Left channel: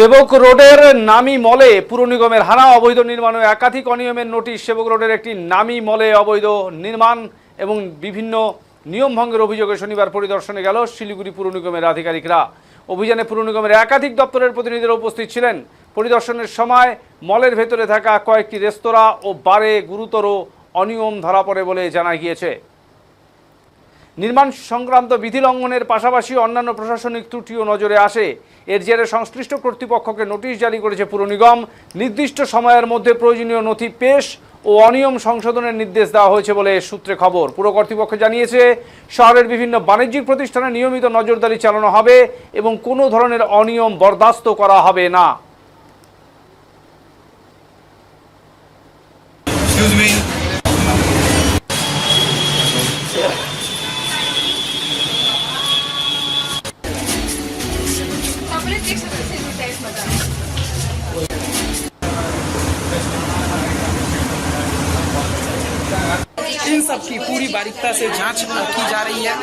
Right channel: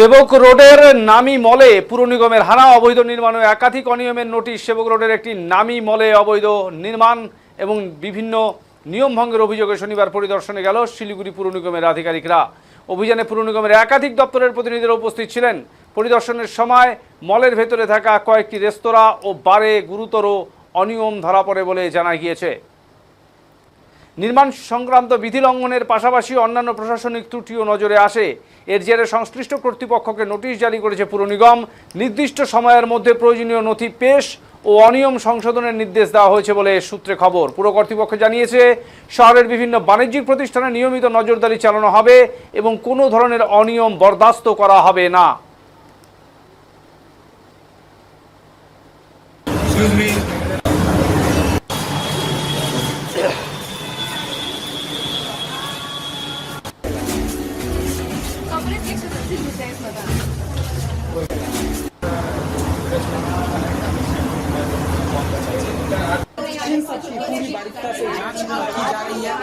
সেবক রোডের নামী মলে পুর নিগমের হানা অবৈধ নির্মাণ ও একাধিক অনিয়মের নোটিশ। সেবক রোডের একটি নামী মলে অবৈধ নির্মাণ এবং বিভিন্ন নিয়ম ভঙ্গের অভিযোগে শনিবার পরিদর্শনে গেল শিলিগুড়ি পুর নিগমের আধিকারিকরা। অভিযানে পুর নিগমের একাধিক দপ্তরের প্রতিনিধিরা উপস্থিত ছিলেন। পরিদর্শনের সময় মলের ভেতরে থাকা কয়েকটি রেস্তোরাঁ ও বারে গুরুতর অনিয়ম ধরা পড়ে বলে জানা গিয়েছে। নির্মাণ সংক্রান্ত বিধি লঙ্ঘনের পাশাপাশি অন্যান্য প্রশাসনিক ত্রুটিও নজরে আসে। এর জেরে সংশ্লিষ্ট কর্তৃপক্ষকে নোটিশ জারি করেছে পুর নিগম। নির্দিষ্ট সময়ের মধ্যে প্রয়োজনীয় নথি পেশ ও অনিয়ম সংশোধনের নির্দেশ দেওয়া হয়েছে বলে সূত্রে খবর। পুর কর্তৃপক্ষ জানিয়েছে, শহরের বিভিন্ন বাণিজ্যিক প্রতিষ্ঠানে নিয়মিত নজরদারি চালানো হবে এবং কোনো ধরনের অনিয়ম বরদাস্ত করা হবে না। इन सब की पूरी बारीकता से जांच की जा रही है।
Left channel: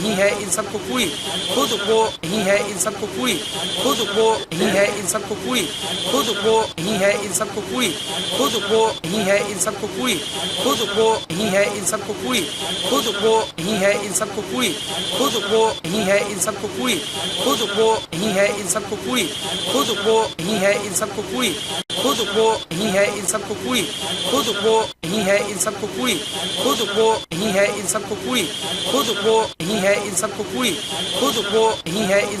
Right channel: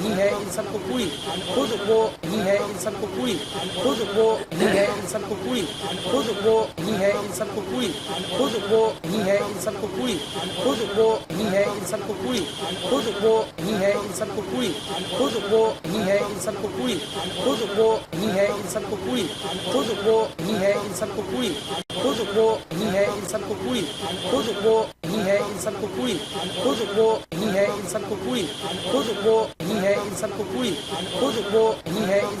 यही है इन सबको पूरी खुद वो यही है इन सबको पूरी खुद वो यही है इन सबको पूरी खुद वो यही है इन सबको पूरी खुद वो यही है इन सबको पूरी खुद वो यही है इन सबको पूरी खुद वो यही है इन सबको पूरी खुद वो यही है इन सबको पूरी खुद वो यही है इन सबको पूरी खुद वो यही है इन सबको पूरी खुद वो यही है इन सबको पूरी खुद वो यही है इन सबको पूरी खुद वो यही है इन सबको पूरी खुद वो यही है इन सबको पूरी खुद वो यही है इन